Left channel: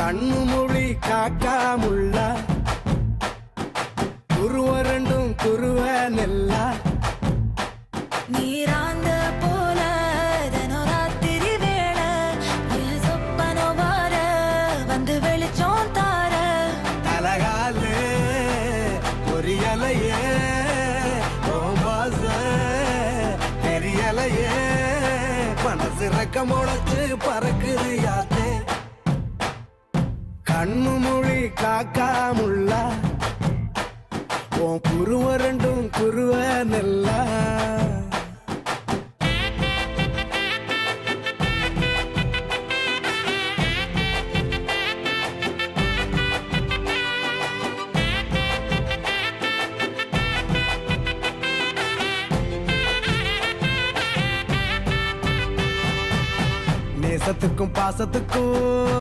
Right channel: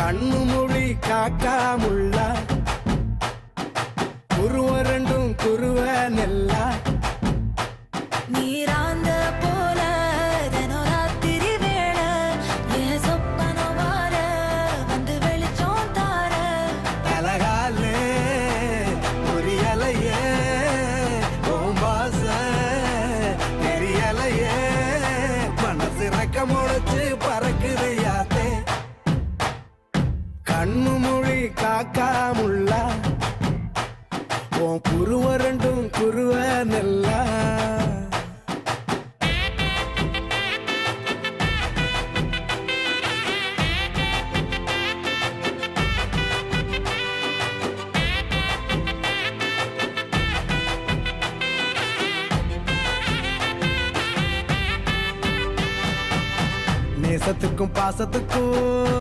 கண்ணு மொழி காக்காமுள்ள குருவ ரெண்டும் குருவ நெல்லா நீராங்க போல தினராத்திரி வேண என் சொப்பனம் மாற வந்து வெளிச்சம் தார தலகாலே பொரியலையே ஓம்பாச தெரியலையே மனசு ரக்க முளைச்சு பறக்குதையாத்தே கண்ணு மொழி காக்காமுள்ள உன் குருவ ரெண்டும் குருவ நெல்லா நேசத்துக்கும் பாசத்துக்கும்